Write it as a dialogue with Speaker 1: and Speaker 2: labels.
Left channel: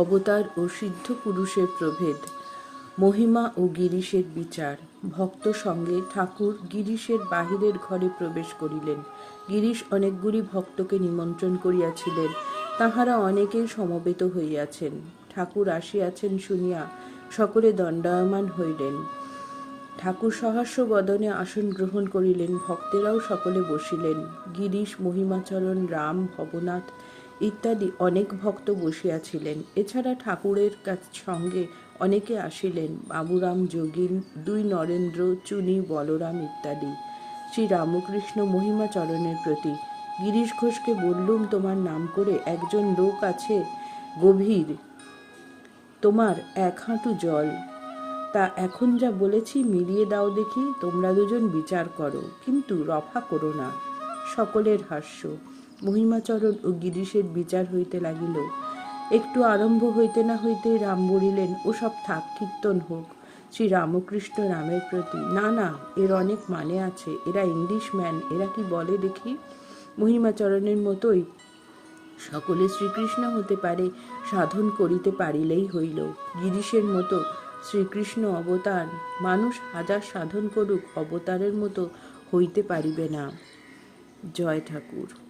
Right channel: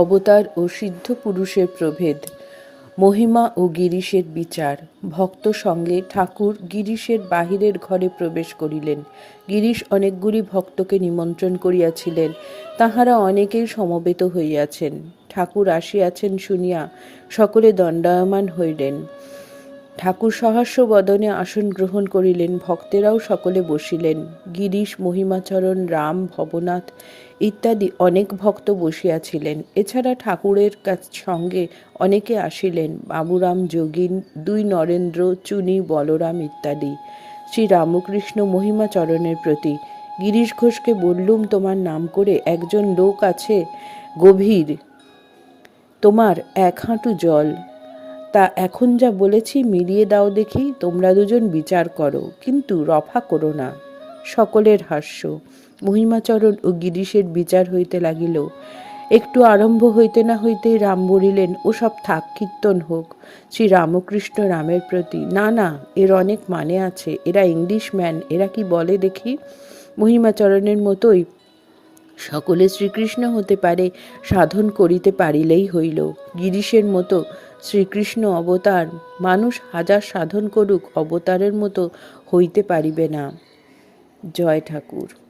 Speaker 1: অবতার ও সিদ্ধ পুরুষের প্রভেদ, মহিমা ও গিরিশের বিচার। ভক্ত সঙ্গে ঠাকুর গিরিশের বাহিরের ঘরে প্রবেশ করিলেন। গিরিশ অনেকগুলি ভক্তকে নিমন্ত্রণ করিয়াছিলেন। তাহারা অনেকেই সমবেত হইয়াছেন। ঠাকুর আসিয়াছেন শুনিয়া সকলে দণ্ডায়মান হইলেন। ঠাকুর সহাস্য বদনে আসন গ্রহণ করিলেন, ভক্তেরাও সকলে বসিলেন। গিরিশ, মহিমাচরণ, রাম, ভবনাথ ইত্যাদি অনেক ভক্ত বসিয়াছিলেন। এছাড়া ঠাকুরের সঙ্গে অনেকে আসিলেন, বাবুরাম, যোগিন, দুই নরেন্দ্র, চুনি, বলরাম ইত্যাদি। শ্রী রামকৃষ্ণ মহিমাচরণের প্রতি গিরিশ ঘোষকে বললুম, তোমার নাম করে একজন লোক আছে গভীর, তোমার এক হাঁটু জল তা এখন যা বলেছি মিলিয়ে দাও দেখি, তোমরা দুজন বিচার করো, কিন্তু রফা করো না। সকলের হাস্য। মহিমাচরণ ও গিরিশের বিচার হইতে লাগিল। একটু আরম্ভ হইতে না হইতে রাম বলিলেন ও সব থাক, কীর্তন হোক। শ্রী রামকৃষ্ণ রামের প্রতি। না না, এর অনেক মানে আছে। এরা ইংলিশ ম্যান, এরা কি বলে দেখি? মহিমাচরণের মতোই সকলে শ্রীকৃষ্ণ হতে পারে, সাধন করিতে পারিলেই হইল। গিরিশের মতো শ্রীকৃষ্ণ অবতার মানুষ হাজার সাধন করুক অবতারের মতো হইতে পারিবে না। জয় ঠাকুর।